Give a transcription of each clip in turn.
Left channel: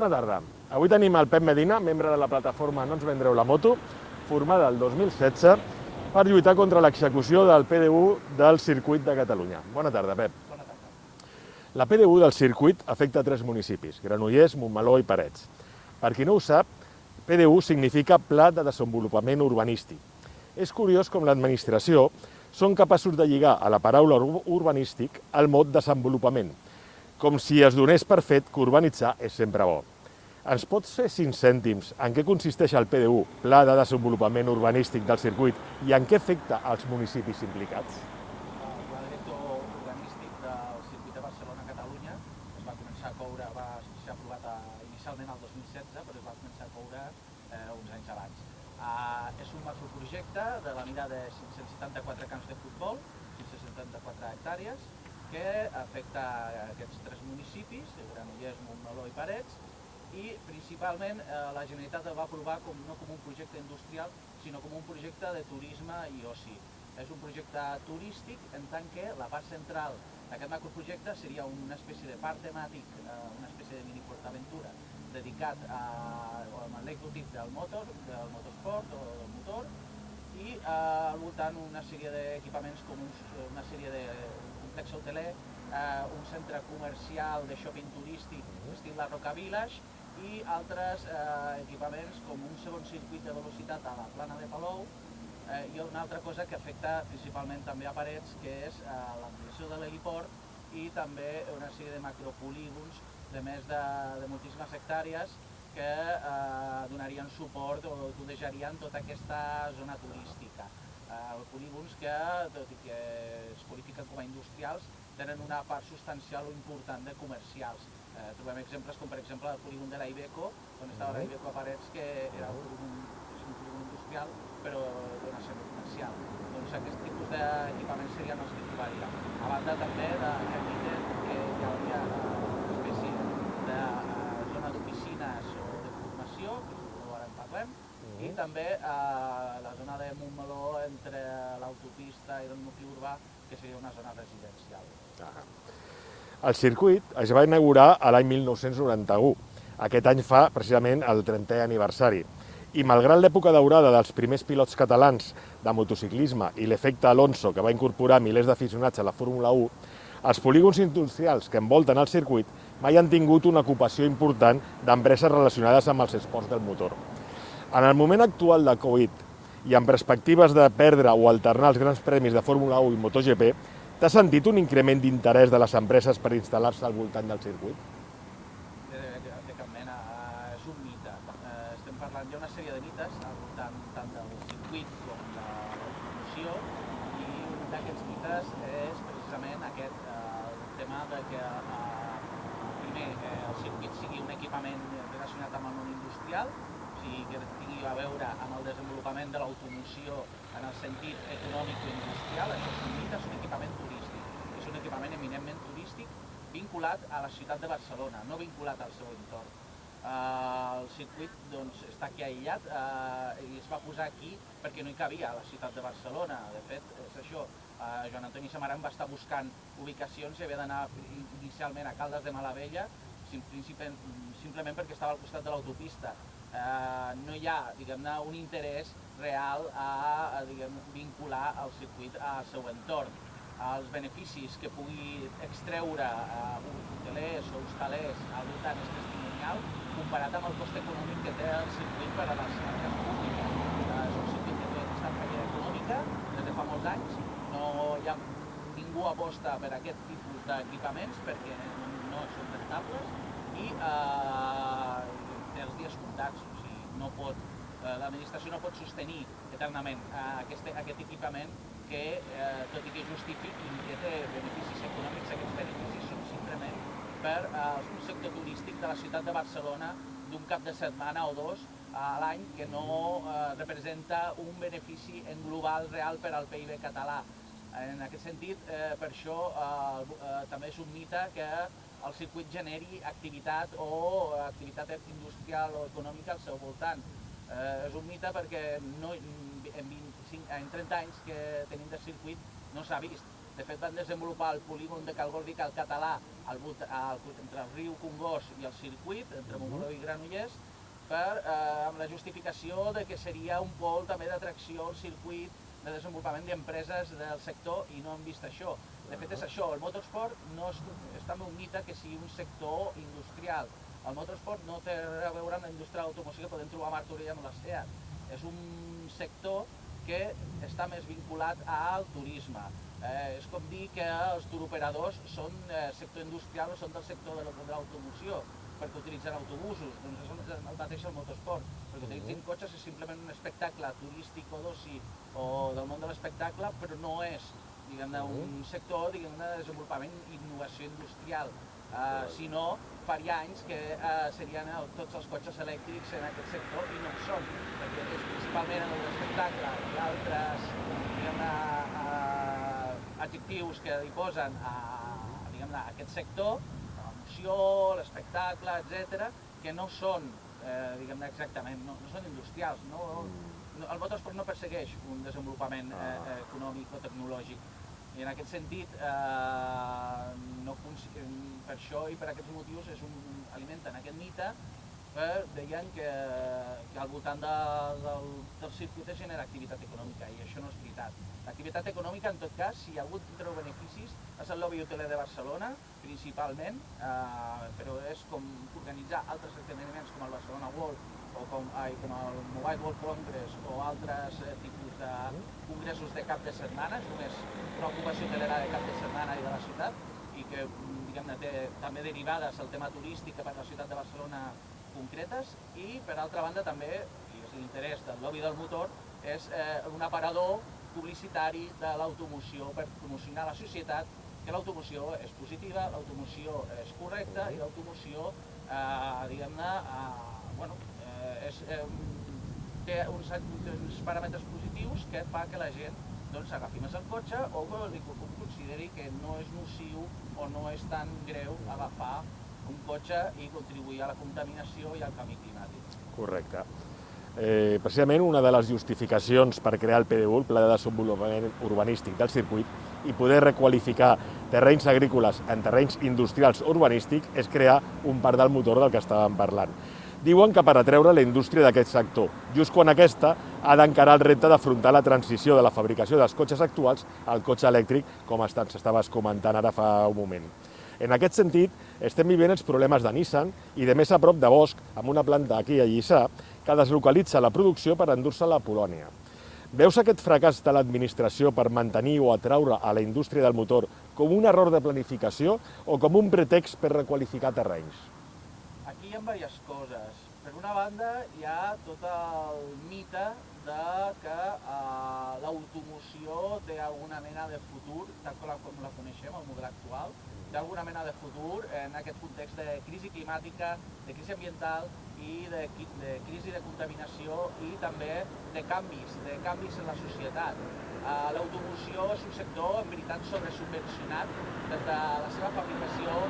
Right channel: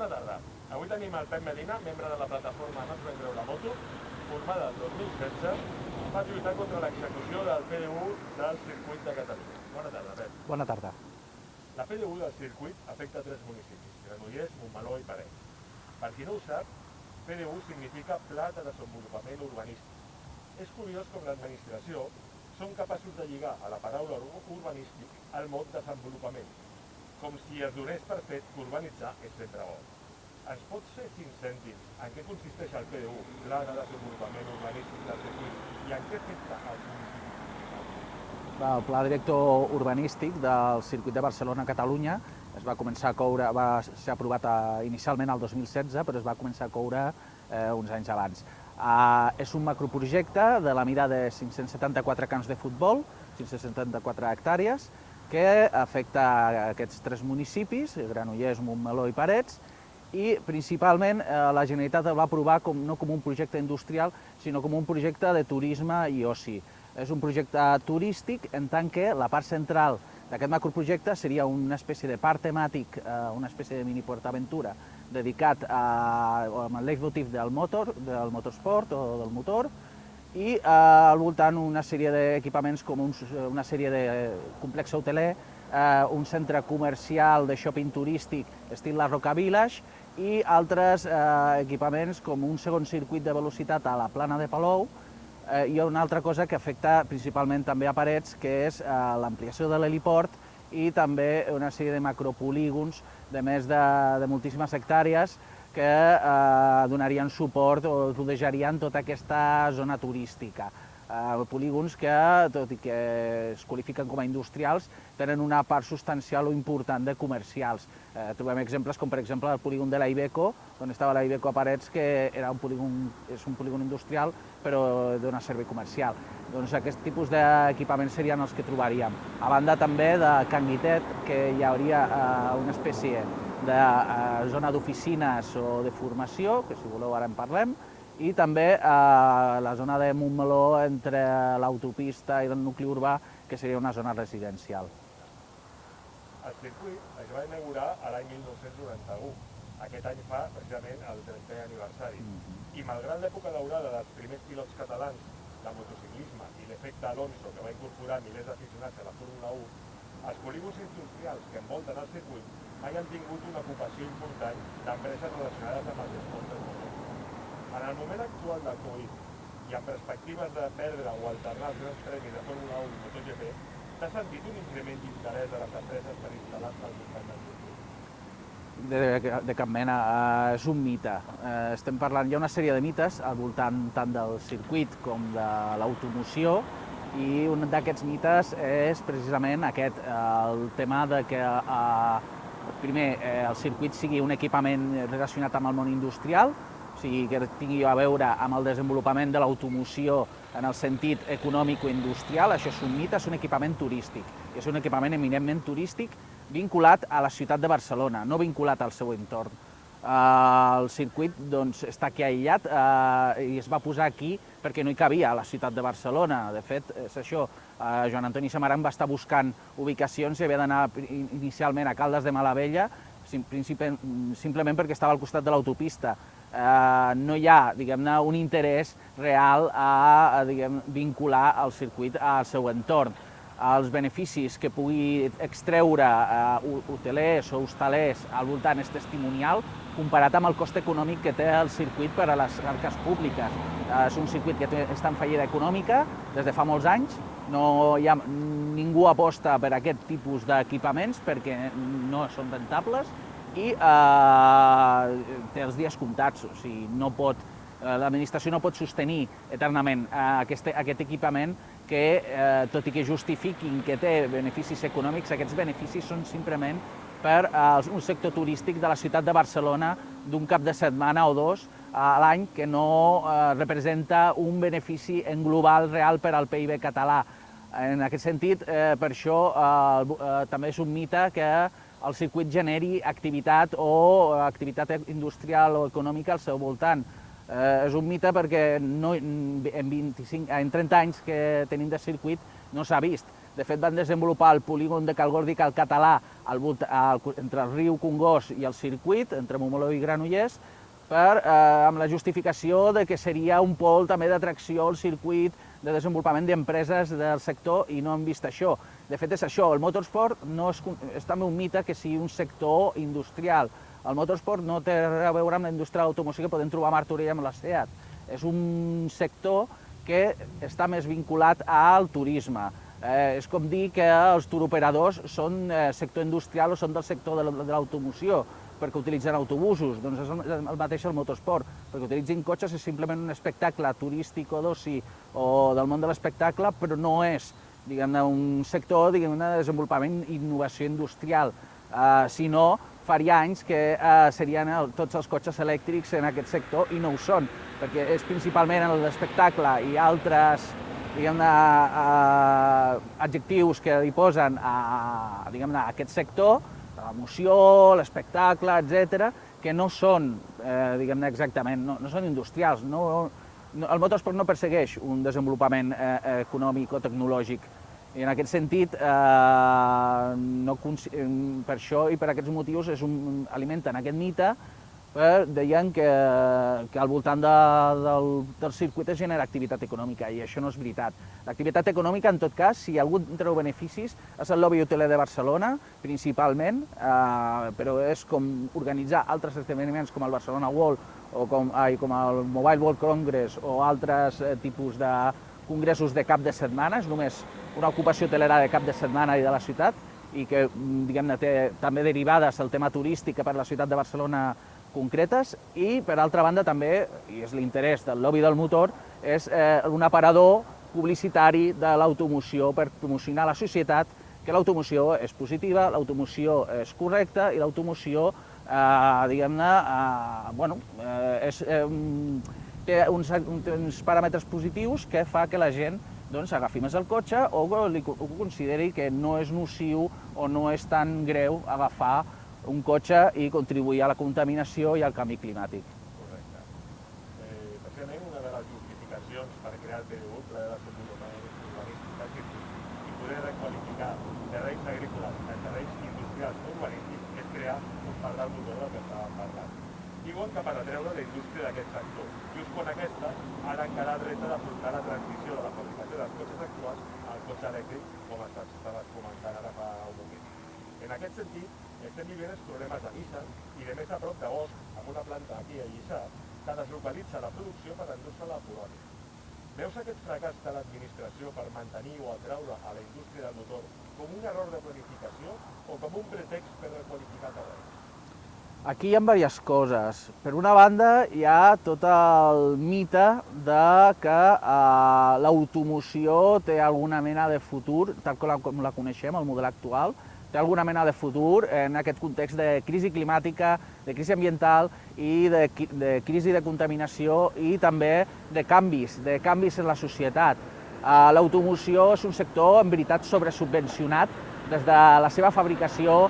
Bona tarda. Avui tenim el Pep Medina, membre de la plataforma No ens vendreu la moto, formada el 2016 per lluitar contra l'execució del PDU del circuit de Catalunya. Bona tarda, Pep. Bona tarda. La PDU del circuit afecta 3 municipis, Granollers, Montmeló i Parets. Per qui no ho sap, PDU significa Pla de Desenvolupament Urbanístic. És curiós com l'administració són capaços de lligar a la paraula urbanístic el mot desenvolupament, com si es donés per fet que urbanitzar és sempre bo. Ens pots fer 5 cèntims en què consisteix el PDU, Pla de Desenvolupament Urbanístic del circuit, i en què afecta als municipis implicats? El Pla Director Urbanístic del Circuit de Barcelona-Catalunya es va començar a coure, va ser aprovat inicialment el 2016, però es va començar a coure uns anys abans. És un macroprojecte de la mida de 574 camps de futbol, 574 hectàrees, que afecta aquests 3 municipis, Granollers, Montmeló i Parets, i principalment la Generalitat el va aprovar no com un projecte industrial, sinó com un projecte de turisme i oci. És un projecte turístic en tant que la part central d'aquest macroprojecte seria una espècie de parc temàtic, una espècie de mini PortAventura dedicat al leitmotiv del motorsport o del motor, i al voltant una sèrie d'equipaments com una sèrie de complex hoteler, un centre comercial de shopping turístic estil la Roca Village i altres equipaments com un segon circuit de velocitat a la Plana de Palou i una altra cosa que afecta principalment també a Parets, que és l'ampliació de l'heliport i també una sèrie de macropolígons de més de moltíssimes hectàrees que donarien suport o rodejarien tota aquesta zona turística. Polígons que, tot i que es qualifiquen com a industrials, tenen una part substancial o important de comercials. Trobem exemples com, per exemple, el polígon de la Iveco, on estava la Iveco a Parets, que és un polígon industrial, però dona servei comercial. Doncs aquest tipus d'equipaments serien els que trobaríem. A banda també de Can Guitet, que hi hauria una espècie de zona d'oficines o de formació, que si voleu ara en parlem, i també la zona de Montmeló entre l'autopista i el nucli urbà, que seria una zona residencial. El circuit es va inaugurar l'any 1991. Aquest any fa precisament el 30è aniversari. I malgrat l'època daurada dels primers pilots catalans de motociclisme i l'efecte Alonso, que va incorporar milers d'aficionats a la Fórmula 1, els polígons industrials que envolten el circuit mai han tingut una ocupació important d'empreses relacionades amb els esports del motor. En el moment actual de Covid i amb perspectives de perdre o alternar els grans premis de Fórmula 1 i MotoGP, t'ha sentit un increment d'interès de les empreses per instal·lar-se al voltant del circuit? De cap mena, és un mite. Estem parlant, hi ha una sèrie de mites al voltant tant del circuit com de l'automoció, i un d'aquests mites és precisament aquest, el tema de que primer el circuit sigui un equipament relacionat amb el món industrial, o sigui, que tingui a veure amb el desenvolupament de l'automoció en el sentit econòmic o industrial. Això és un mite, és un equipament turístic. És un equipament eminentment turístic vinculat a la ciutat de Barcelona, no vinculat al seu entorn. El circuit està aquí aïllat i es va posar aquí perquè no hi cabia a la ciutat de Barcelona. De fet, és això, Joan Antoni Samaranch va estar buscant ubicacions i havia d'anar inicialment a Caldes de Malavella, simplement perquè estava al costat de l'autopista. No hi ha, diguem-ne, un interès real a vincular el circuit al seu entorn. Els beneficis que pugui extreure hotelers o hostalers al voltant és testimonial comparat amb el cost econòmic que té el circuit per a les arques públiques. És un circuit que està en fallida econòmica des de fa molts anys, ningú aposta per aquest tipus d'equipaments perquè no són rentables i té els dies comptats, o sigui, l'administració no pot sostenir eternament aquest equipament que, tot i que justifiquin que té beneficis econòmics, aquests beneficis són simplement per un sector turístic de la ciutat de Barcelona d'un cap de setmana o dos a l'any que no representa un benefici en global real per al PIB català. En aquest sentit, per això també és un mite que el circuit generi activitat o activitat industrial o econòmica al seu voltant. És un mite perquè en 30 anys que tenim de circuit no s'ha vist. De fet, van desenvolupar el polígon de Calgordic al Català entre el riu Congost i el circuit, entre Montmeló i Granollers, amb la justificació de que seria un pol també d'atracció al circuit de desenvolupament d'empreses del sector, i no hem vist això. De fet, és això, el motorsport és també un mite que sigui un sector industrial. El motorsport no té res a veure amb la indústria de l'automoció que podem trobar a Martorell amb la SEAT. És un sector que està més vinculat al turisme. És com dir que els turoperadors són sector industrial o són del sector de l'automoció, perquè utilitzen autobusos. Doncs és el mateix el motorsport. Perquè utilitzin cotxes és simplement un espectacle turístic o d'oci o del món de l'espectacle, però no és un sector de desenvolupament i innovació industrial, sinó faria anys que serien tots els cotxes elèctrics en aquest sector i no ho són, perquè és principalment en l'espectacle i altres adjectius que li posen a aquest sector, l'emoció, l'espectacle, etc., que no són exactament, no són industrials. El motorsport no persegueix un desenvolupament econòmic o tecnològic. I en aquest sentit, per això i per aquests motius alimenten aquest mite, deien que al voltant del circuit es genera activitat econòmica, i això no és veritat. L'activitat econòmica, en tot cas, si algú en treu beneficis, és el lobby hoteler de Barcelona, principalment, però és com organitzar altres esdeveniments com el Barcelona World o com el Mobile World Congress o altres tipus de congressos de cap de setmana. És només una ocupació hotelera de cap de setmana i de la ciutat, i que té també derivades al tema turístic per a la ciutat de Barcelona concretes, i per altra banda també, i és l'interès del lobby del motor, és un aparador publicitari de l'automoció per promocionar a la societat que l'automoció és positiva, l'automoció és correcta i l'automoció, té uns paràmetres positius que fa que la gent agafi més el cotxe o consideri que no és nociu o no és tan greu agafar un cotxe i contribuir a la contaminació i al canvi climàtic. Correcte. Precisament una de les justificacions per crear el PDU, el Pla de Desenvolupament Urbanístic del Circuit, i poder requalificar terrenys agrícoles en terrenys industrials urbanístics, és crear un parc del motor del que estàvem parlant. Diuen que per atreure la indústria d'aquest sector, just quan aquesta ha d'encarar el repte d'afrontar la transició de la fabricació dels cotxes actuals al cotxe elèctric, com estaves comentant ara fa un moment. En aquest sentit, estem vivint els problemes de Nissan i de més a prop de Bosch, amb una planta aquí a Lliçà, que deslocalitza la producció per endur-se-la a Polònia. Veus aquest fracàs de l'administració per mantenir o atraure a la indústria del motor com un error de planificació o com un pretext per requalificar terrenys? Aquí hi ha diverses coses. Per una banda, hi ha tot el mite que l'automoció té alguna mena de futur, tal com la coneixem, el model actual, té alguna mena de futur en aquest context de crisi climàtica, de crisi ambiental i de crisi de contaminació i també de canvis en la societat. L'automoció és un sector, en veritat, sobresubvencionat des de la seva fabricació,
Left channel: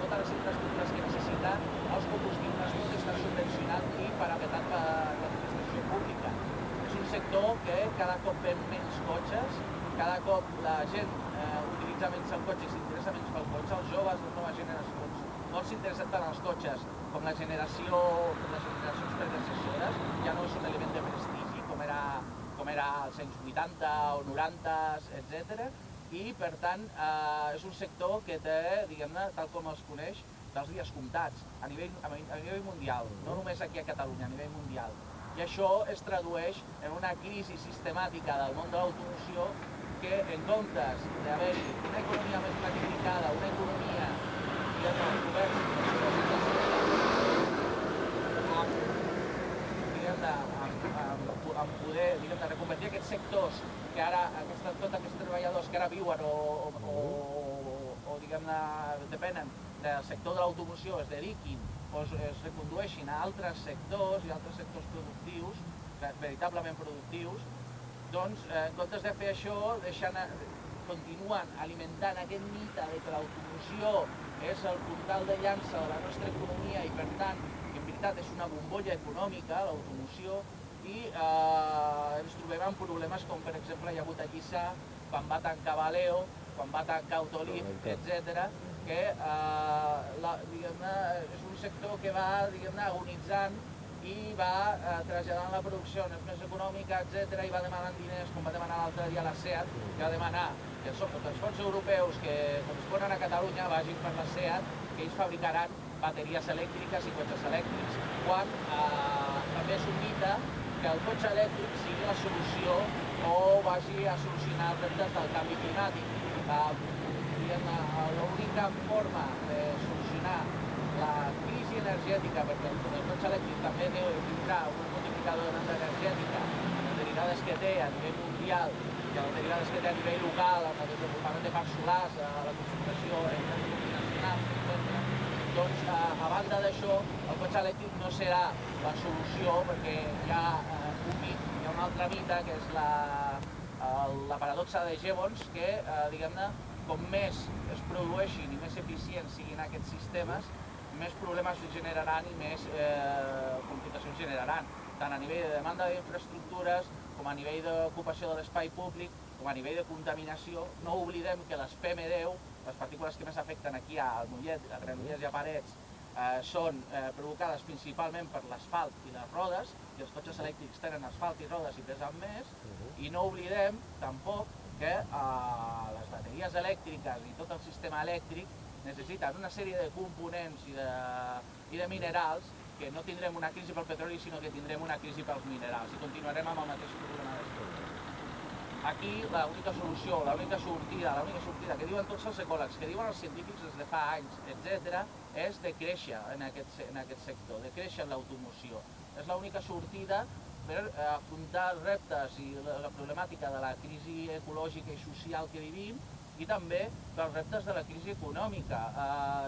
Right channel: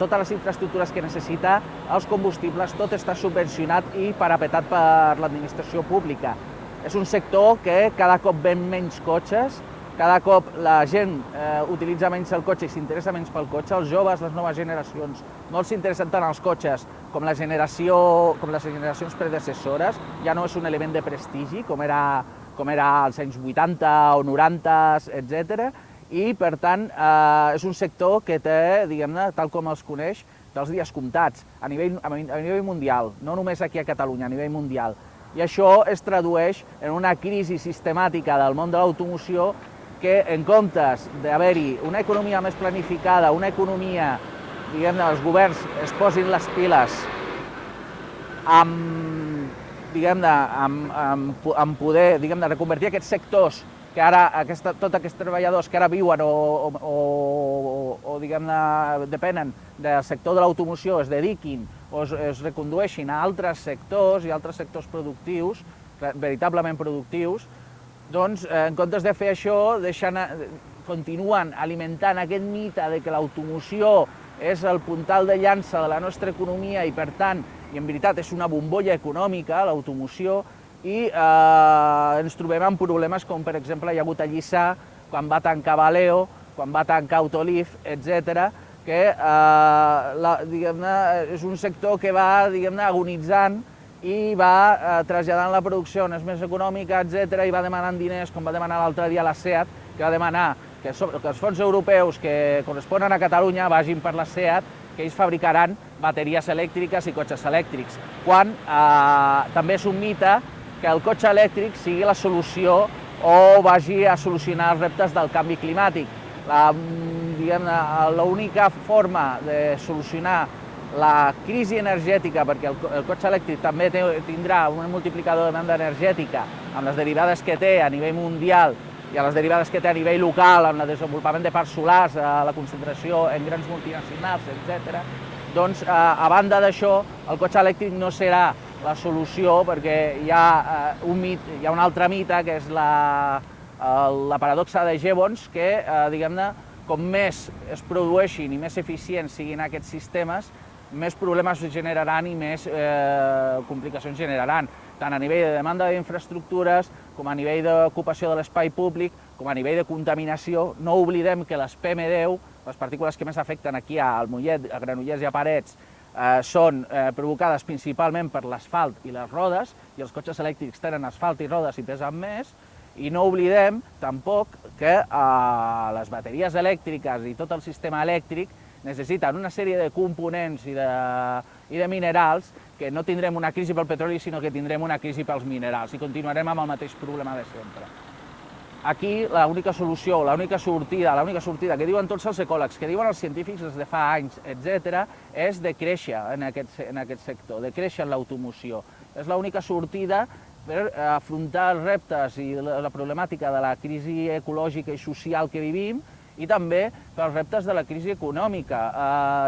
totes les infraestructures que necessita, els combustibles, tot està subvencionat i parapetat per l'administració pública. És un sector que cada cop ven menys cotxes, cada cop la gent utilitza menys el cotxe i s'interessa menys pel cotxe. Els joves, les noves generacions, no els interessen tant els cotxes com les generacions predecessores. Ja no és un element de prestigi, com era als anys 80 o 90, etc. I, per tant, és un sector que té, diguem-ne, tal com els coneix, té els dies comptats a nivell mundial, no només aquí a Catalunya, a nivell mundial. I això es tradueix en una crisi sistemàtica del món de l'automoció que, en comptes d'haver-hi una economia més planificada, una economia, diguem-ne, els governs es posin les piles amb poder, diguem-ne, reconvertir aquests sectors que ara, tots aquests treballadors que ara viuen o diguem-ne, depenen del sector de l'automoció, es dediquin o es recondueixin a altres sectors i altres sectors productius, veritablement productius, doncs, en comptes de fer això, continuen alimentant aquest mite de que l'automoció és el puntal de llança de la nostra economia i, per tant, i en veritat és una bombolla econòmica, l'automoció, i ens trobem amb problemes com, per exemple, hi ha hagut a Lliçà, quan va tancar Valeo, quan va tancar Autoliv, etc., que és un sector que va agonitzant i va traslladant la producció on és més econòmica, etc., i va demanant diners, com va demanar l'altre dia la SEAT, que va demanar que els fons europeus que corresponen a Catalunya vagin per la SEAT, que ells fabricaran bateries elèctriques i cotxes elèctrics, quan també és un mite que el cotxe elèctric sigui la solució o vagi a solucionar els reptes del canvi climàtic. L'única forma de solucionar la crisi energètica, perquè el cotxe elèctric també tindrà un multiplicador de demanda energètica amb les derivades que té a nivell mundial i a les derivades que té a nivell local, amb el desenvolupament de parcs solars, la concentració en grans multinacionals, etc. Doncs, a banda d'això, el cotxe elèctric no serà la solució, perquè hi ha un altre mite, que és la paradoxa de Jevons, que, diguem-ne, com més es produeixin i més eficients siguin aquests sistemes, més problemes generaran i més complicacions generaran, tant a nivell de demanda d'infraestructures, com a nivell d'ocupació de l'espai públic, com a nivell de contaminació. No oblidem que les PM10, les partícules que més afecten aquí al Mollet, a Granollers i a Parets, són provocades principalment per l'asfalt i les rodes, i els cotxes elèctrics tenen asfalt i rodes i pesen més, i no oblidem tampoc que les bateries elèctriques i tot el sistema elèctric necessiten una sèrie de components i de minerals que no tindrem una crisi pel petroli, sinó que tindrem una crisi pels minerals i continuarem amb el mateix problema de sempre. Aquí l'única solució, l'única sortida que diuen tots els ecòlegs, que diuen els científics des de fa anys, etc., és de créixer en aquest sector, de créixer en l'automoció. És l'única sortida per afrontar els reptes i la problemàtica de la crisi ecològica i social que vivim i també pels reptes de la crisi econòmica.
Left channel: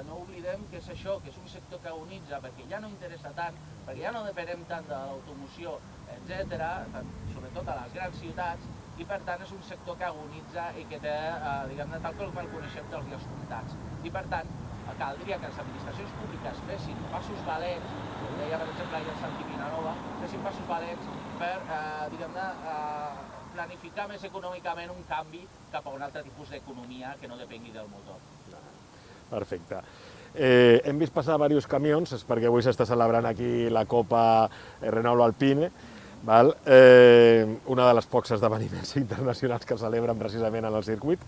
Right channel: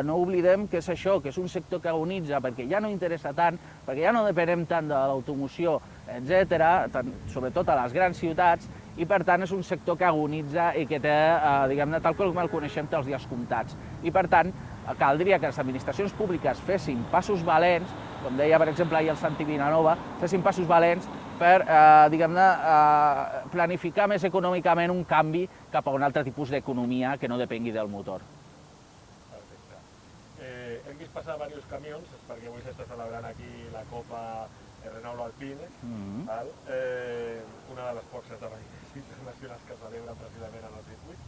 No oblidem que és això, que és un sector que agonitza perquè ja no interessa tant, perquè ja no depenem tant de l'automoció, etc., sobretot a les grans ciutats, i per tant és un sector que agonitza i que té, diguem-ne, tal com el coneixem, té els dies comptats. I per tant, caldria que les administracions públiques fessin passos valents, com deia, per exemple, ahir el Santi Vilanova, fessin passos valents per, diguem-ne, planificar més econòmicament un canvi cap a un altre tipus d'economia que no depengui del motor. Perfecte. Hem vist passar diversos camions, és perquè avui s'està celebrant aquí la Copa Renault Alpine, una de les pocs esdeveniments internacionals que celebren precisament en el circuit.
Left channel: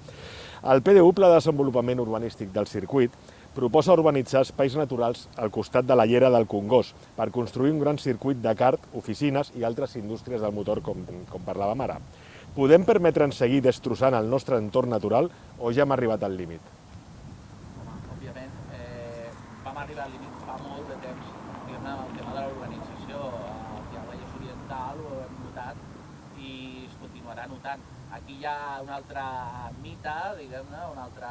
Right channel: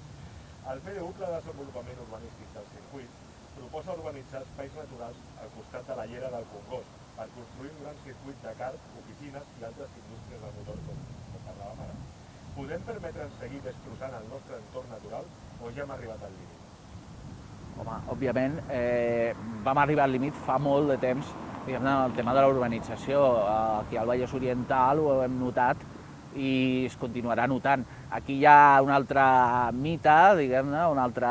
El PDU, Pla de Desenvolupament Urbanístic del Circuit, proposa urbanitzar espais naturals al costat de la llera del Congost per construir un gran circuit de kart, oficines i altres indústries del motor, com parlàvem ara. Podem permetre'ns seguir destrossant el nostre entorn natural o ja hem arribat al límit? Home, òbviament, vam arribar al límit fa molt de temps. El tema de la urbanització, aquí al Vallès Oriental ho hem notat i es continuarà notant. Aquí hi ha un altre mite, diguem-ne, un altre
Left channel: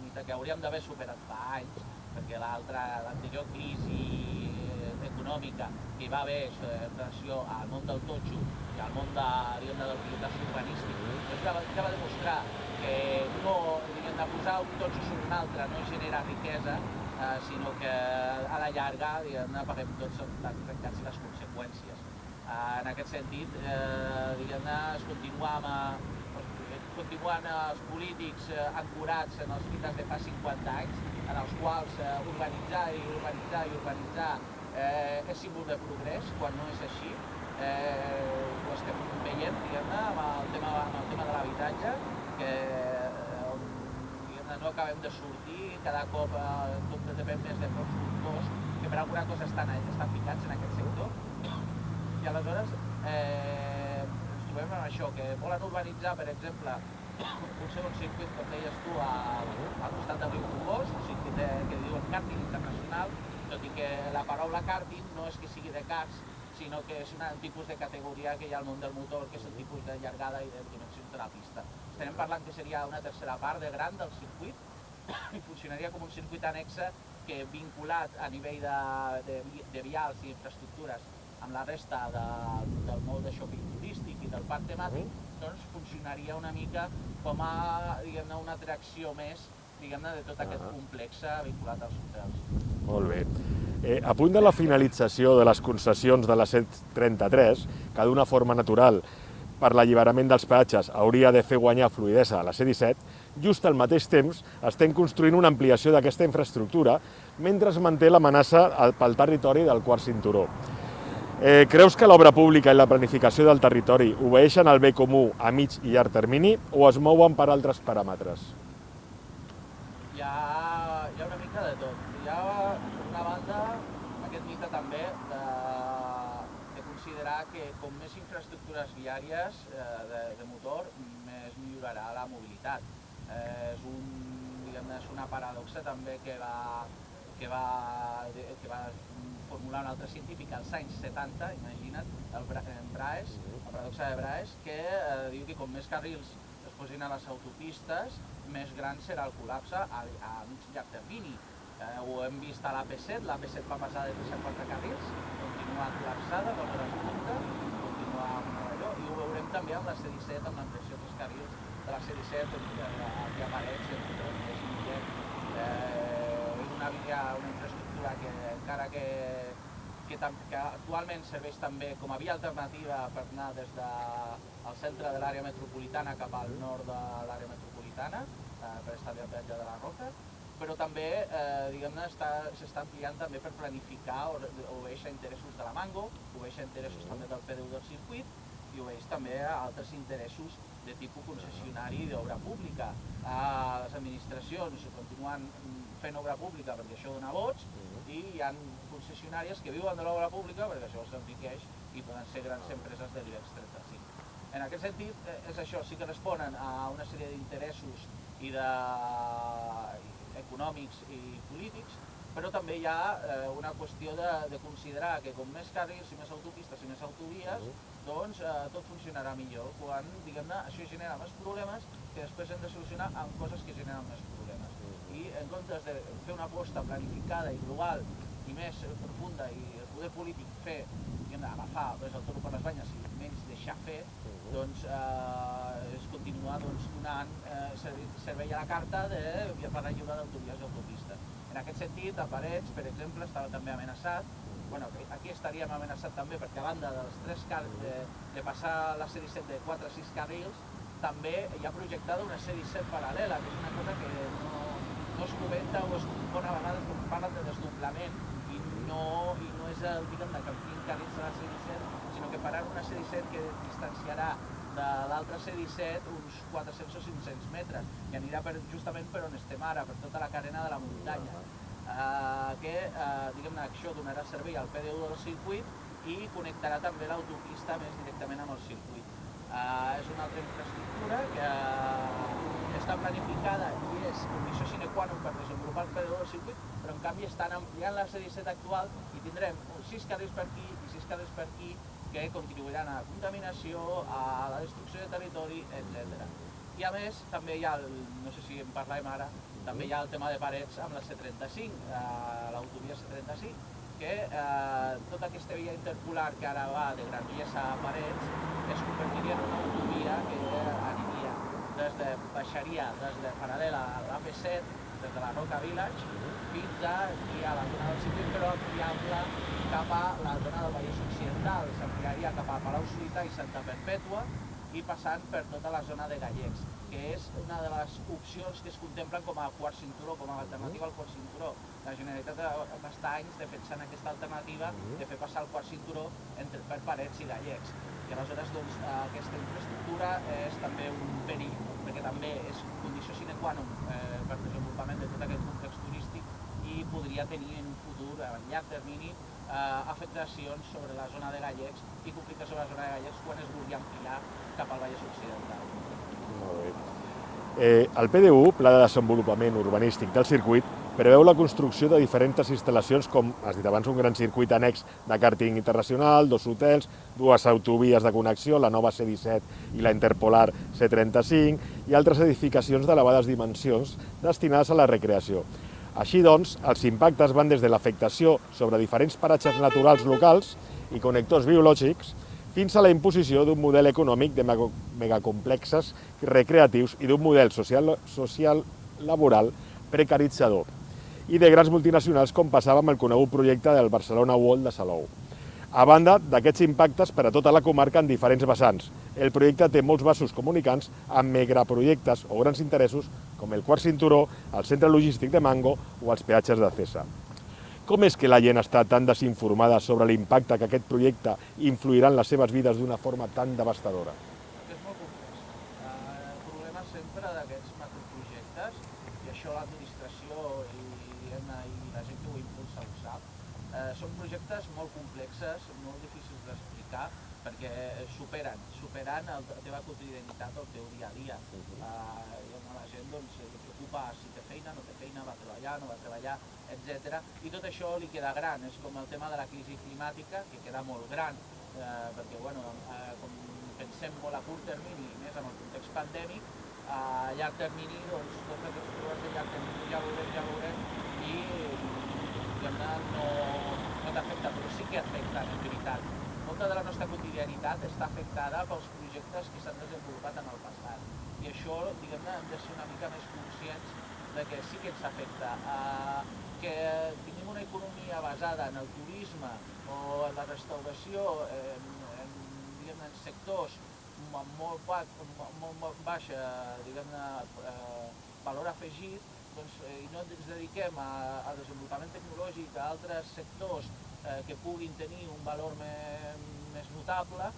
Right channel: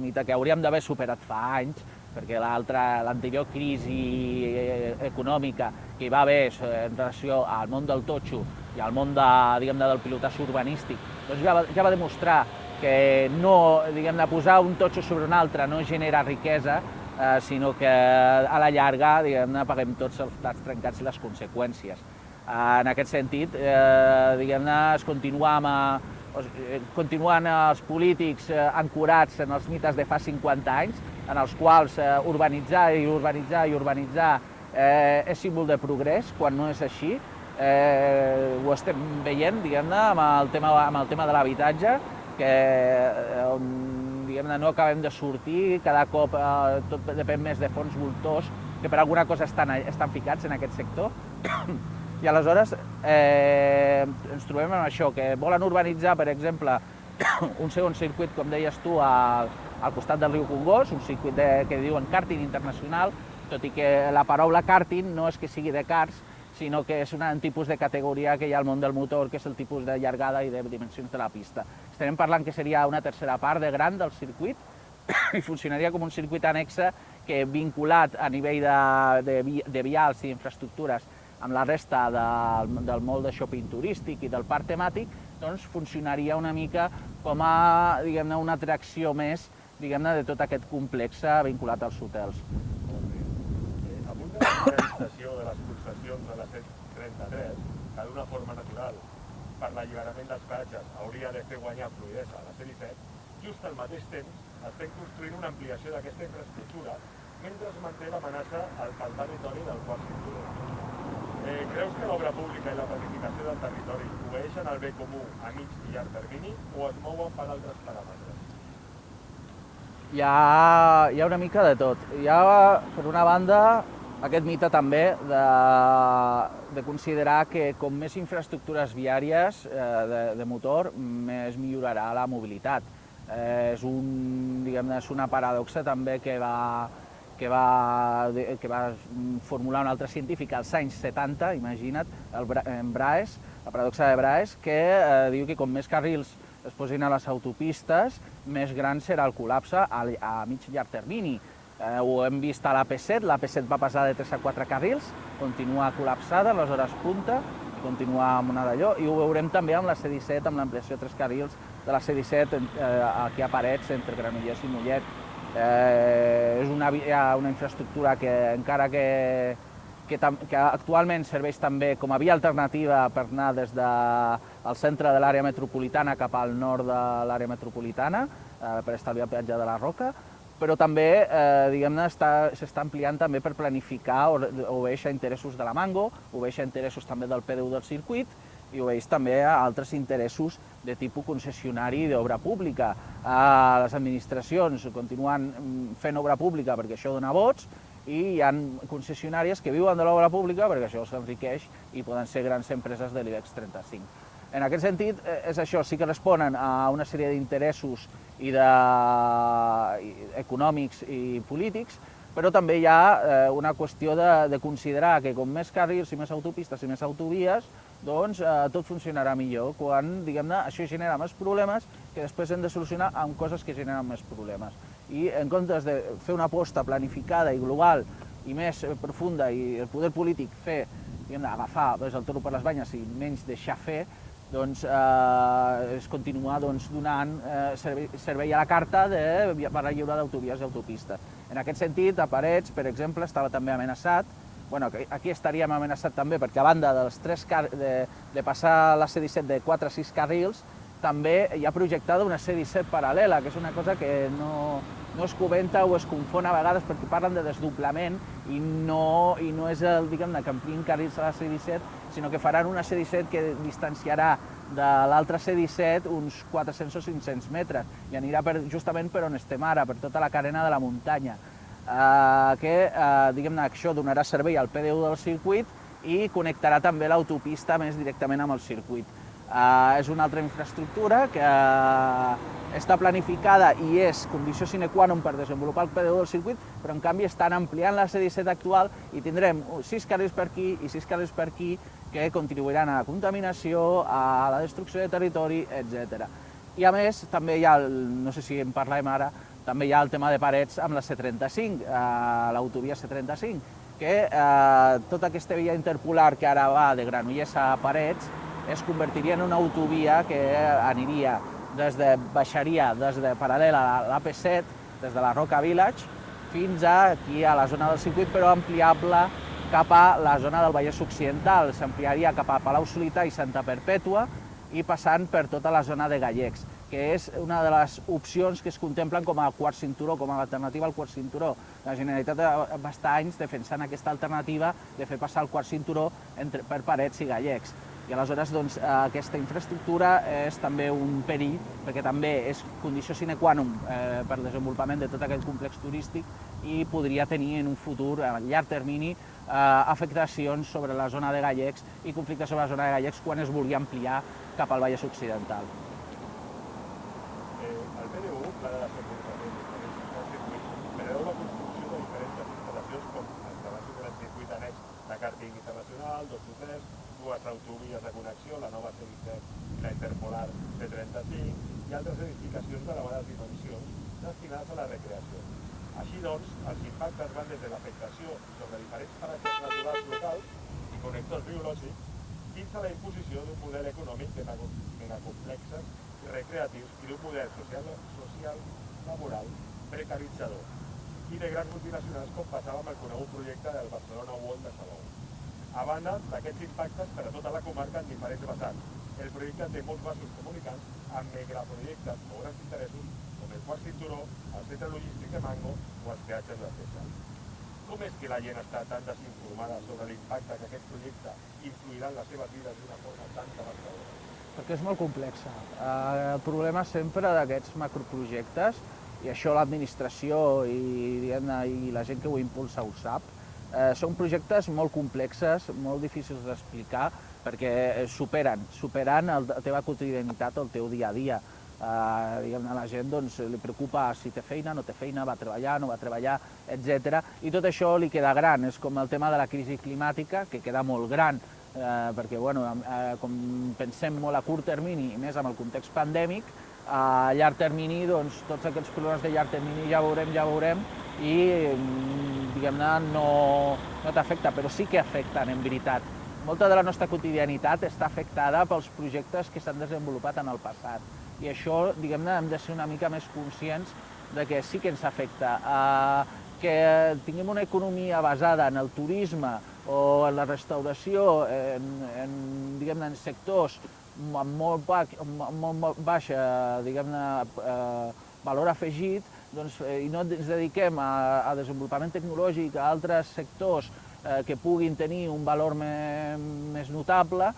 mite que hauríem d'haver superat fa anys, perquè l'anterior crisi econòmica que hi va haver en relació al món del totxo i al món del pilotatge urbanístic, doncs ja va demostrar que posar un totxo sobre un altre no genera riquesa, sinó que a la llarga paguem tots els plats trencats i les conseqüències. En aquest sentit, es continuen els polítics ancorats en els mites de fa 50 anys, en els quals urbanitzar és símbol de progrés, quan no és així. Ho estem veient, amb el tema de l'habitatge, on no acabem de sortir, cada cop tot depèn més de fons voltors que per alguna cosa estan ficats en aquest sector. I aleshores ens trobem amb això, que volen urbanitzar, per exemple, un segon circuit, com deies tu, al costat del riu Congost, un circuit que diuen kàrting internacional, tot i que la paraula kàrting no és que sigui de karts, sinó que és un tipus de categoria que hi ha al món del motor, que és el tipus de llargada i de dimensions de la pista. Estem parlant que seria una tercera part de gran del circuit i funcionaria com un circuit annexe que, vinculat a nivell de vials i infraestructures amb la resta del moll de shopping turístic i del parc temàtic, doncs funcionaria una mica com a una atracció més de tot aquest complex vinculat als hotels. Molt bé. A punt de la finalització de les concessions de la C33, que d'una forma natural, per l'alliberament dels peatges, hauria de fer guanyar fluïdesa a la C17, just al mateix temps estem construint una ampliació d'aquesta infraestructura mentre es manté l'amenaça pel territori del quart cinturó. Creus que l'obra pública i la planificació del territori obeeixen al bé comú a mig i llarg termini o es mouen per altres paràmetres? Hi ha una mica de tot. Hi ha, per una banda, aquest mite també de considerar que com més infraestructures viàries de motor, més millorarà la mobilitat. És una paradoxa també que va formular un altre científic als anys 70, imagina't, Braes, la paradoxa de Braes, que diu que com més carrils es posin a les autopistes, més gran serà el col·lapse a mig i llarg termini. Ho hem vist a l'AP7, l'AP7 va passar de 3 a 4 carrils, continua col·lapsada, a les hores punta, continua amb una d'allò, i ho veurem també amb la C-17, amb l'ampliació de 3 carrils de la C-17 aquí a Parets, entre Granollers i Mollet. És una infraestructura que encara que actualment serveix també com a via alternativa per anar des del centre de l'àrea metropolitana cap al nord de l'àrea metropolitana, per estalviar el peatge de la Roca, però també s'està ampliant també per planificar, obeeix a interessos de la Mango, obeeix a interessos també del PDU del circuit i obeeix també a altres interessos de tipus concessionari d'obra pública. Les administracions continuen fent obra pública perquè això dona vots i hi ha concessionàries que viuen de l'obra pública perquè això s'enriqueix i poden ser grans empreses de l'IBEX 35. En aquest sentit, és això, sí que responen a una sèrie d'interessos econòmics i polítics, però també hi ha una qüestió de considerar que com més carrils i més autopistes i més autovies, doncs tot funcionarà millor, quan, diguem-ne, això genera més problemes que després hem de solucionar amb coses que generen més problemes. I en comptes de fer una aposta planificada i global i més profunda i el poder polític fer, agafar el toro per les banyes i menys deixar fer, doncs es continua donant servei a la carta per la lliure d'autovies i autopistes. En aquest sentit, a Parets, per exemple, estava també amenaçat, aquí estaríem amenaçat també perquè a banda de passar la C-17 de 4 a 6 carrils, també hi ha projectada una C-17 paral·lela, que és una cosa que no es comenta o es confon a vegades perquè parlen de desdoblament i no és el, diguem-ne, que ampliïn carrils a la C-17, sinó que faran una C-17 que distanciarà de l'altra C-17 uns 400 o 500 metres i anirà justament per on estem ara, per tota la carena de la muntanya. Diguem-ne, això donarà servei al PDU del circuit i connectarà també l'autopista més directament amb el circuit. És una altra infraestructura que està planificada i és condició sine qua non per desenvolupar el PDU del circuit, però en canvi estan ampliant la C-17 actual i tindrem 6 carrils per aquí i 6 carrils per aquí que contribuiran a la contaminació, a la destrucció de territori, etc. I a més, també hi ha, no sé si en parlem ara, també hi ha el tema de Parets amb la C-35, l'autovia C-35, que tota aquesta via interpolar que ara va de Granollers a Parets es convertiria en una autovia que baixaria des de paral·lela a l'AP7, des de la Roca Village, fins aquí a la zona del circuit, però ampliable cap a la zona del Vallès Occidental. S'ampliaria cap a Palau-solità i Santa Perpètua i passant per tota la zona de Gallecs, que és una de les opcions que es contemplen com a quart cinturó, com a alternativa al quart cinturó. La Generalitat va estar anys defensant aquesta alternativa de fer passar el quart cinturó per Parets i Gallecs. I aleshores aquesta infraestructura és també un perill, perquè també és condició sine qua non per al desenvolupament de tot aquest complex turístic i podria tenir en un futur, a llarg termini, afectacions sobre la zona de Gallecs i conflictes sobre la zona de Gallecs quan es vulgui ampliar cap al Vallès Occidental. El PDU, Pla de Desenvolupament Urbanístic del Circuit, preveu la construcció de diferents instal·lacions com, has dit abans, un gran circuit annex de càrting internacional, 2 hotels, 2 autovies de connexió, la nova C-17 i la interpolar C-35 i altres edificacions d'elevades dimensions destinades a la recreació. Així doncs, els impactes van des de l'afectació sobre diferents paratges naturals locals i connectors biològics fins a la imposició d'un model econòmic de megacomplexes recreatius i d'un model social laboral precaritzador i de grans multinacionals com passava amb el conegut projecte del Barcelona World de Salou. A banda d'aquests impactes per a tota la comarca en diferents vessants. El projecte té molts vasos comunicants amb megaprojectes o grans interessos com el quart cinturó, el centre logístic de Mango o els peatges de Cesa. Com és que la gent està tan desinformada sobre l'impacte que aquest projecte influirà en les seves vides d'una forma tan devastadora? Perquè és molt complex. El problema sempre d'aquests macroprojectes, i això l'administració i la gent que ho impulsa ho sap, són projectes molt complexes, molt difícils d'explicar, perquè superen la teva quotidianitat, el teu dia a dia. A la gent li preocupa si té feina, no té feina, va treballar, no va treballar, etc. I tot això li queda gran. És com el tema de la crisi climàtica, que queda molt gran, perquè com pensem molt a curt termini, i més amb el context pandèmic, a llarg termini, tots aquests problemes de llarg termini ja veurem, i no t'afecta, però sí que afecten, en veritat. Molta de la nostra quotidianitat està afectada pels projectes que s'han desenvolupat en el passat. I això, hem de ser una mica més conscients de que sí que ens afecta. Que tinguem una economia basada en el turisme o en la restauració, en sectors amb molt baix valor afegit, i no ens dediquem a desenvolupament tecnològic, a altres sectors que puguin tenir un valor més notable,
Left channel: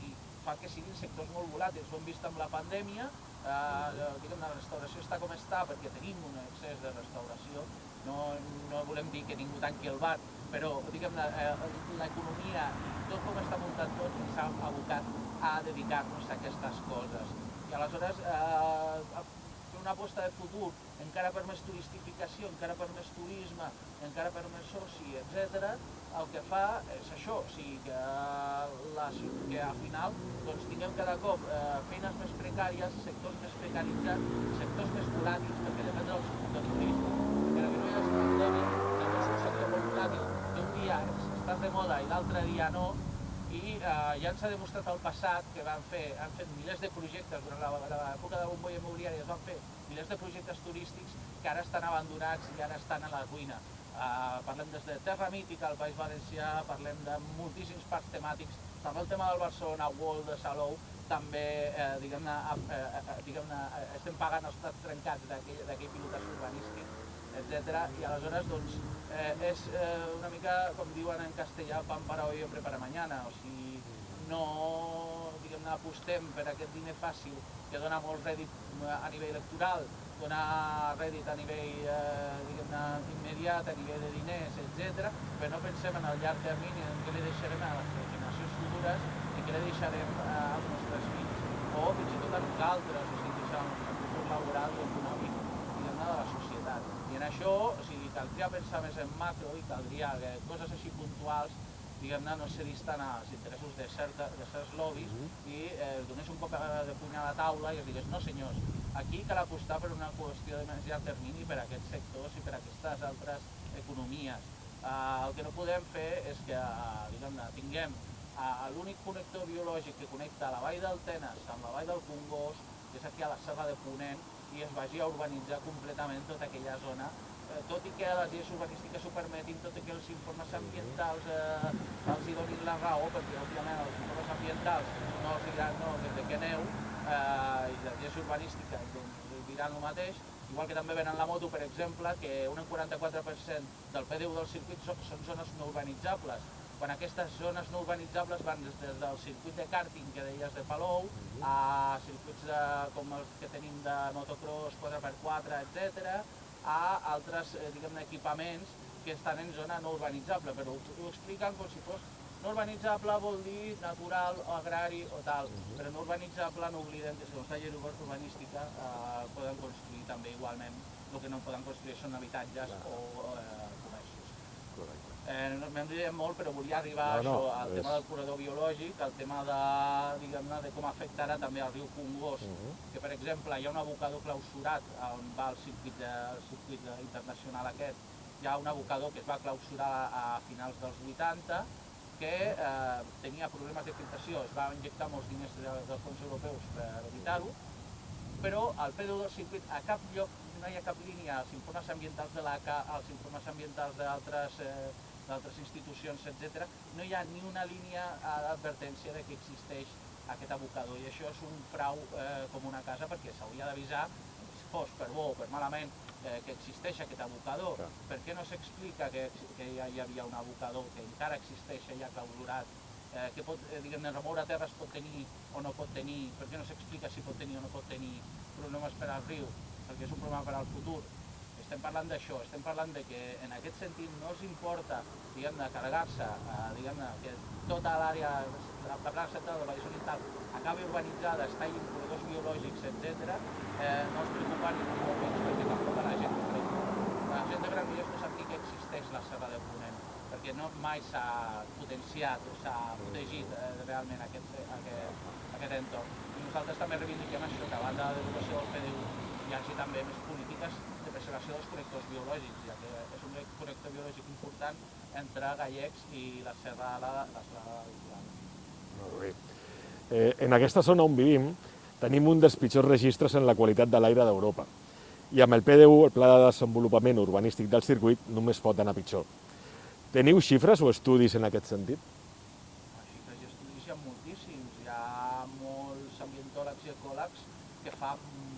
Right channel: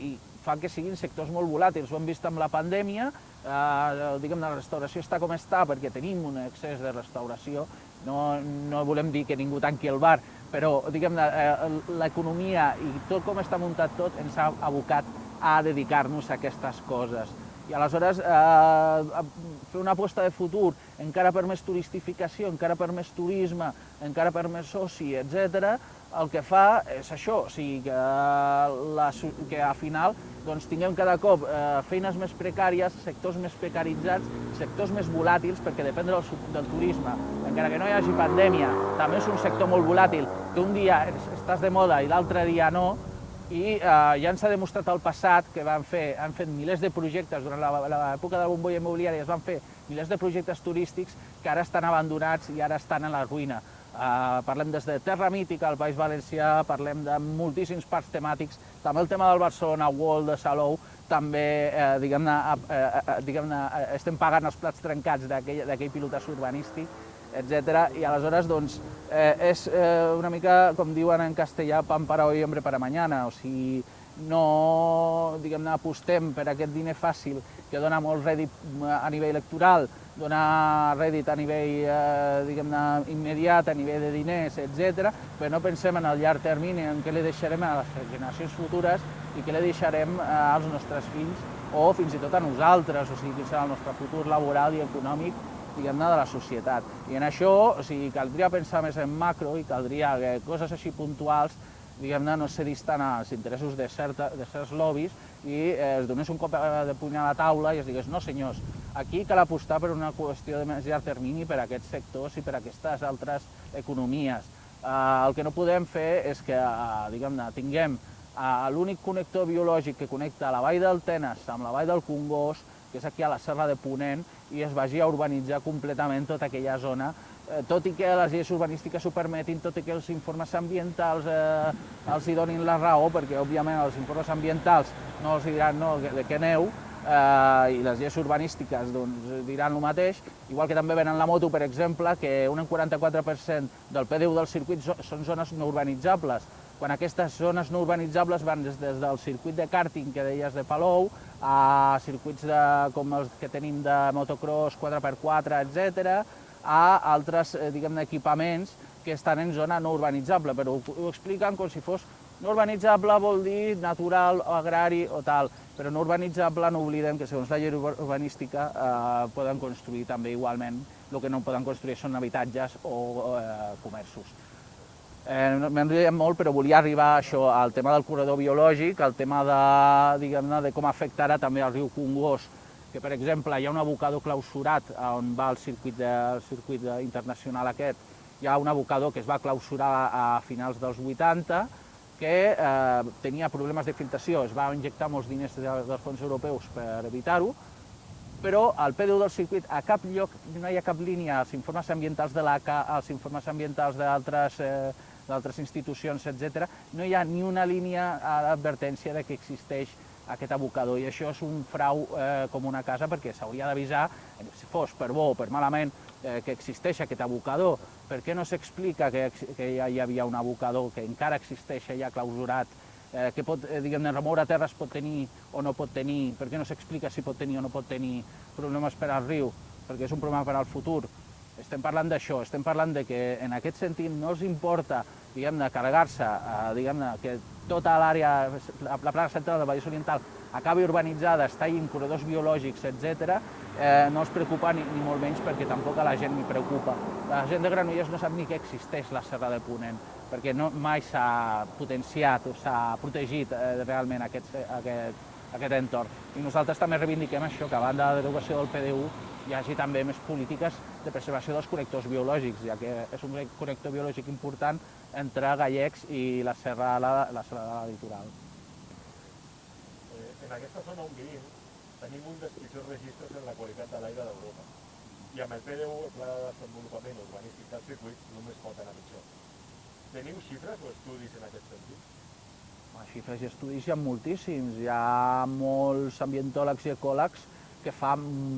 i fa que siguin sectors molt volàtils. Ho hem vist amb la pandèmia, la restauració està com està perquè tenim un excés de restauració. No volem dir que ningú tanqui el bar, però l'economia i tot com està muntat tot ens ha abocat a dedicar-nos a aquestes coses. I aleshores fer una aposta de futur encara per més turistificació, encara per més turisme, encara per més oci, etc., el que fa és això, o sigui, que al final tinguem cada cop feines més precàries, sectors més precaritzats, sectors més volàtils, perquè depèn del turisme, encara que no hi hagi pandèmia, també és un sector molt volàtil, que un dia estàs de moda i l'altre dia no, i ja ens ha demostrat al passat que han fet milers de projectes durant l'època de la bombolla immobiliària, es van fer milers de projectes turístics que ara estan abandonats i ara estan a la ruïna. Parlem des de Terra Mítica al País Valencià, parlem de moltíssims parcs temàtics, també el tema del Barcelona World de Salou, també estem pagant els plats trencats d'aquell pilotatge urbanístic, etc. I aleshores és una mica, com diuen en castellà, pan para hoy, hambre para mañana. O sigui, no apostem per aquest diner fàcil que dona molt rèdit a nivell electoral, dona rèdit a nivell immediat, a nivell de diners, etc. Però no pensem en el llarg termini, en què li deixarem a les generacions futures i què li deixarem als nostres fills o fins i tot a nosaltres, o sigui, quin serà el nostre futur laboral i econòmic de la societat. I en això caldria pensar més en macro i caldria que coses així puntuals no se distant als interessos de certs lobbies i es donés un cop de puny a la taula i es digués, no senyors, aquí cal apostar per una qüestió de més llarg termini per a aquests sectors i per a aquestes altres economies. El que no podem fer és que tinguem l'únic connector biològic que connecta la vall del Tenes amb la vall del Congost, que és aquí a la Serra de Ponent, i es vagi a urbanitzar completament tota aquella zona, tot i que les lleis urbanístiques ho permetin, tot i que els informes ambientals els hi donin la raó, perquè òbviament els informes ambientals no els diran no, de què aneu, i les lleis urbanístiques diran el mateix, igual que també venen la moto, per exemple, que un 44% del PDU del circuit són zones no urbanitzables, quan aquestes zones no urbanitzables van des del circuit de kàrting que deies de Palou, a circuits com els que tenim de motocross 4x4, etc., a altres equipaments que estan en zona no urbanitzable, però ho expliquen com si fos no urbanitzable vol dir natural, agrari o tal, però no urbanitzable no oblidem que segons la llei urbanística poden construir també igualment, el que no poden construir són habitatges o comerços. M'enrotllem molt, però volia arribar a això, al tema del corredor biològic, al tema de com afectarà també el riu Congost, que per exemple hi ha un abocador clausurat on va el circuit internacional aquest, hi ha un abocador que es va clausurar a finals dels 80, que tenia problemes de filtració, es va injectar molts diners dels fons europeus per evitar-ho, però al PDU del circuit a cap lloc no hi ha cap línia als informes ambientals de l'ACA, als informes ambientals d'altres d'altres institucions, etc., no hi ha ni una línia d'advertència de que existeix aquest abocador, i això és un frau com una casa, perquè s'hauria d'avisar, si fos per bo o per malament, que existeix aquest abocador. Per què no s'explica que ja hi havia un abocador, que encara existeix allà clausurat, que pot, diguem-ne, remoure terra es pot tenir o no pot tenir? Per què no s'explica si pot tenir o no pot tenir problemes per al riu? Perquè és un problema per al futur. Estem parlant d'això, estem parlant de que en aquest sentit no els importa, diguem-ne, carregar-se, diguem-ne, que tota l'àrea, la plaça central del Vallès Oriental acabi urbanitzada, es tallin corredors biològics, etc., no els preocupa ni molt menys, perquè tampoc a la gent li preocupa. La gent de Granollers no sap ni que existeix la Serra de Ponent, perquè mai s'ha potenciat o s'ha protegit realment aquest entorn. I nosaltres també reivindiquem això, que a banda de la derogació del PDU hi hagi també més polítiques de preservació dels connectors biològics, ja que és un connector biològic important entre Gallecs i la serra litoral. En aquesta zona on vivim tenim un dels pitjors registres en la qualitat de l'aire d'Europa. I amb el PDU, el Pla de Desenvolupament Urbanístic del Circuit, només pot anar pitjor. Teniu xifres o estudis en aquest sentit? Xifres i estudis hi ha moltíssims. Hi ha molts ambientòlegs i ecòlegs que fa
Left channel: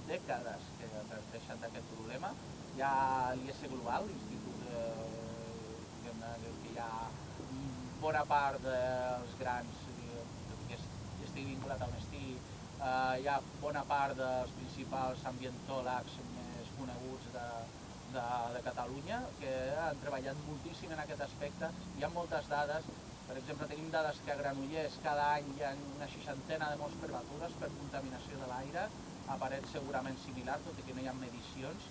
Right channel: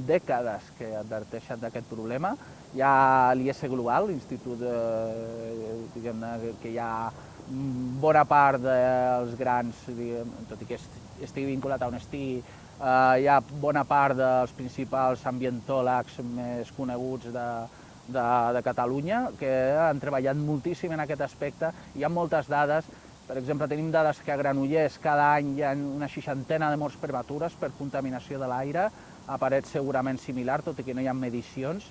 dècades que adverteixen d'aquest problema. Hi ha l'IS Global, l'institut que hi ha bona part dels grans, tot i que estigui vinculat a Honestí, hi ha bona part dels principals ambientòlegs més coneguts de Catalunya que han treballat moltíssim en aquest aspecte. Hi ha moltes dades. Per exemple, tenim dades que a Granollers cada any hi ha una 60ena de morts prematures per contaminació de l'aire, a Parets segurament similar, tot i que no hi ha medicions,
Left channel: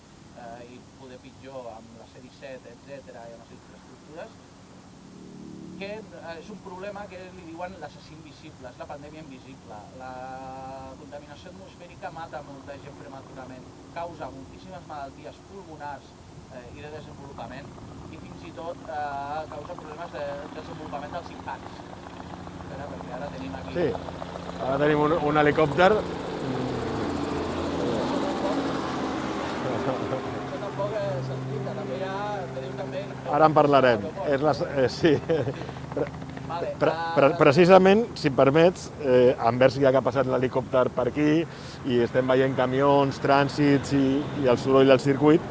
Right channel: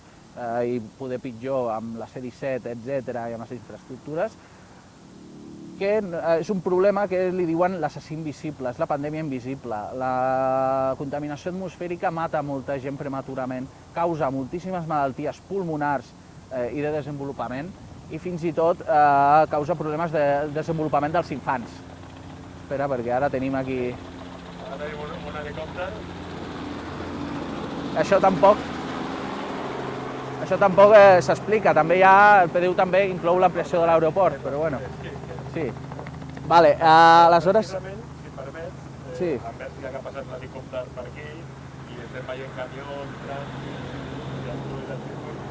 i poder pitjor amb la C-17, etc., i amb les infraestructures, que és un problema que li diuen l'assassí invisible, és la pandèmia invisible. La contaminació atmosfèrica mata molta gent prematurament, causa moltíssimes malalties pulmonars i de desenvolupament, i fins i tot causa problemes de desenvolupament dels infants. Espera, perquè ara tenim aquí... Sí, ara tenim un helicòpter. Això tampoc s'explica. També hi ha... El PDU també inclou l'ampliació de l'aeroport. Sí. Vale, precisament, si em permets, envers ja que ha passat l'helicòpter per aquí i estem veient camions, trànsits i el soroll del circuit,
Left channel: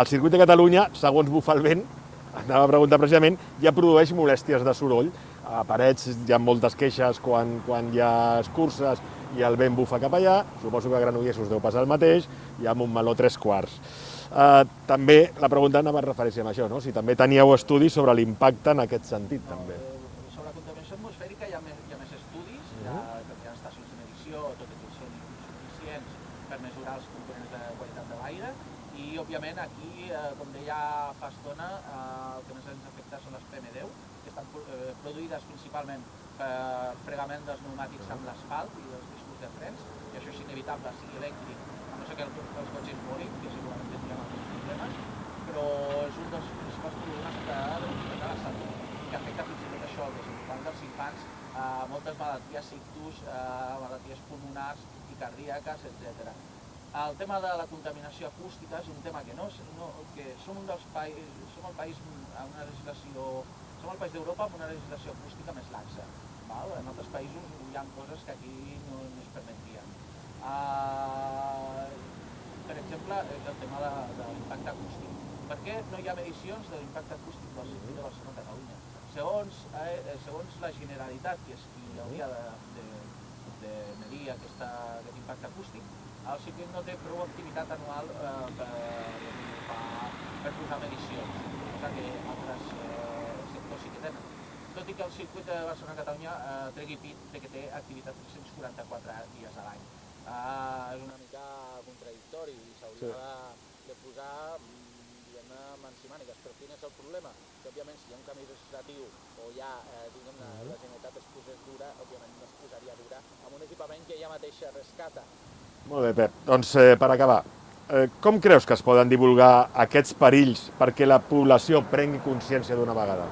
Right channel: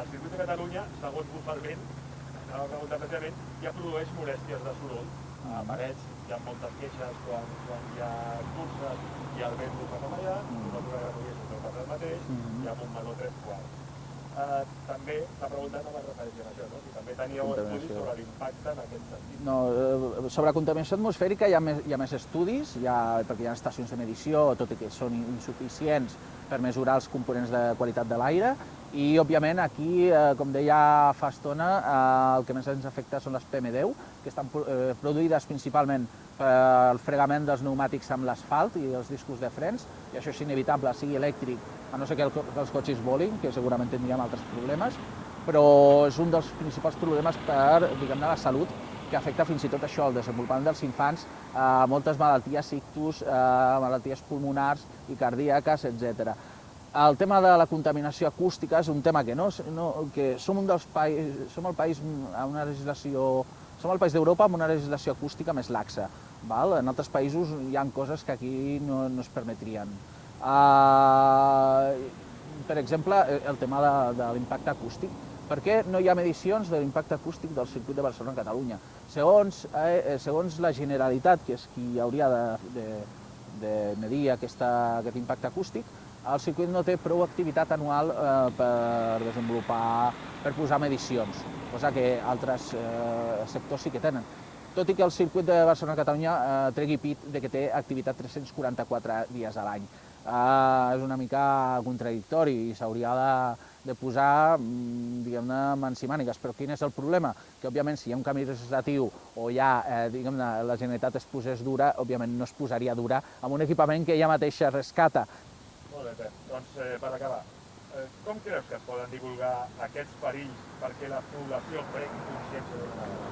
el circuit de Catalunya, segons bufa el vent, anava a preguntar precisament, ja produeix molèsties de soroll. A Parets hi ha moltes queixes quan hi ha curses i el vent bufa cap allà, suposo que a Granollers us deu passar el mateix, i a Montmeló 3/4. També la pregunta anava a referència a això, no? Si també teníeu estudis sobre l'impacte en aquest sentit. No, sobre contaminació atmosfèrica hi ha més estudis, perquè hi ha estacions de medició, tot i que són insuficients per mesurar els components de qualitat de l'aire, i òbviament aquí, com deia fa estona, el que més ens afecta són les PM10, que estan produïdes principalment pel fregament dels pneumàtics amb l'asfalt i els discos de frens, i això és inevitable, sigui elèctric, a no ser que els cotxes volin, que segurament tindríem altres problemes, però és un dels principals problemes per la salut, que afecta fins i tot això, el desenvolupament dels infants, moltes malalties ictus, malalties pulmonars i cardíaques, etc. El tema de la contaminació acústica és un tema que som el país d'Europa amb una legislació acústica més laxa. En altres països hi ha coses que aquí no es permetrien. Per exemple, el tema de l'impacte acústic. Per què no hi ha medicions de l'impacte acústic del circuit de Barcelona a Catalunya? Segons la Generalitat, que és qui hauria de medir aquest impacte acústic, el circuit no té prou activitat anual per posar medicions, cosa que altres sectors sí que tenen. Tot i que el circuit de Barcelona-Catalunya tregui pit que té activitat 344 dies a l'any. És una mica contradictori i s'hauria de posar, diguem-ne, mans i mànigues. Però quin és el problema? Que, òbviament, si hi ha un canvi legislatiu o ja, diguem-ne, la Generalitat es posés dura, òbviament no es posaria dura amb un equipament que ella mateixa rescata. Molt bé, Pep. Doncs, per acabar, com creus que es poden divulgar aquests perills perquè la població prengui consciència d'una vegada?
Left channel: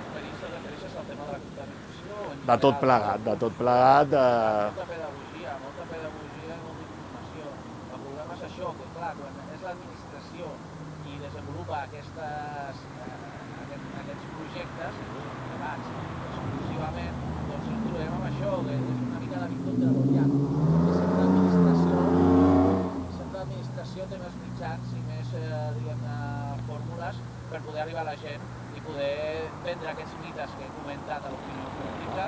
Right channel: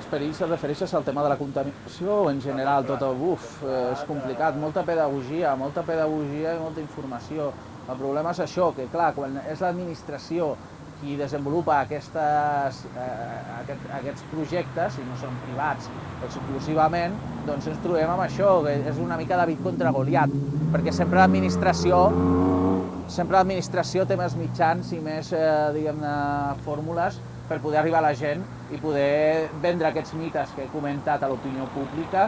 Els perills es refereixes al tema de la contaminació o en general? A tot plegat. És complicat, molta pedagogia i molta informació. El problema és això, que clar, quan és l'administració i desenvolupa aquests projectes, i no són privats exclusivament, doncs ens trobem amb això, que és una mica David contra Goliat, perquè sempre l'administració té més mitjans i més, diguem-ne, fórmules per poder arribar a la gent i poder vendre aquests mites que he comentat a l'opinió pública,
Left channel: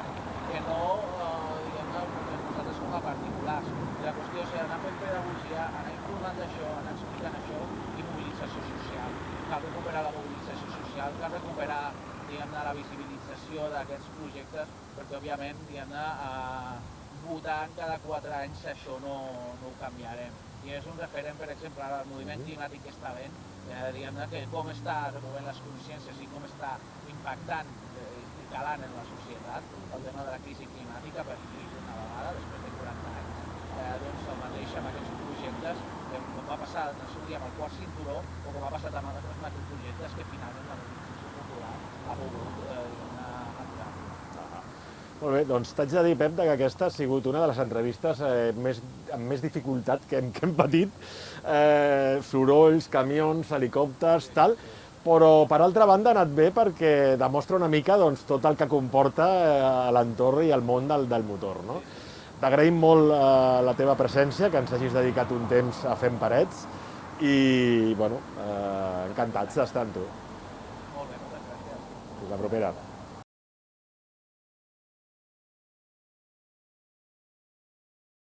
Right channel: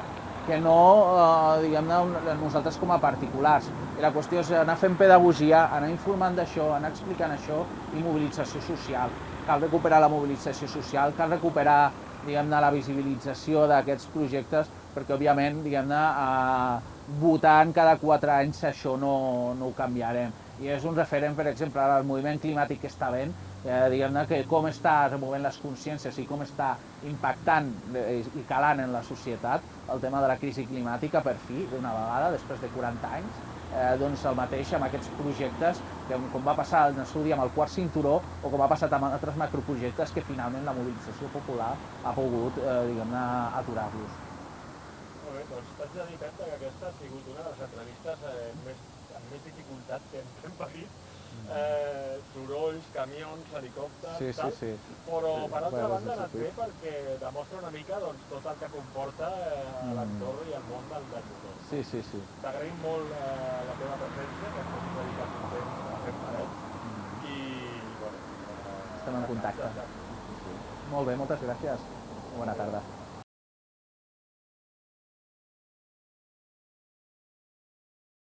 que no, diguem-ne, nosaltres com a particulars. La qüestió és anar fent pedagogia, anar informant d'això, anar explicant això i mobilització social. Cal recuperar la mobilització social, cal recuperar, diguem-ne, la visibilització d'aquests projectes, perquè, òbviament, diguem-ne, votant cada 4 anys això no ho canviarem. I és un referent, per exemple, al moviment climàtic que està havent, diguem-ne, que com està removent les consciències i com està impactant i calant en la societat el tema de la crisi climàtica per fi, d'una vegada, després de 40 anys, doncs el mateix amb aquests projectes, com va passar en Astúries amb el quart cinturó o com ha passat amb altres macroprojectes que finalment la mobilització popular ha pogut, diguem-ne, aturar-los. Molt bé, doncs t'haig de dir, Pep, que aquesta ha sigut una de les entrevistes amb més dificultat que hem patit. Sorolls, camions, helicòpters, tal, però per altra banda ha anat bé perquè demostra una mica tot el que comporta l'entorn i el món del motor. T'agraïm molt la teva presència, que ens hagis dedicat un temps a Fem Parets i, bueno, encantats d'estar amb tu. Molt bé, moltes gràcies. Fins la propera.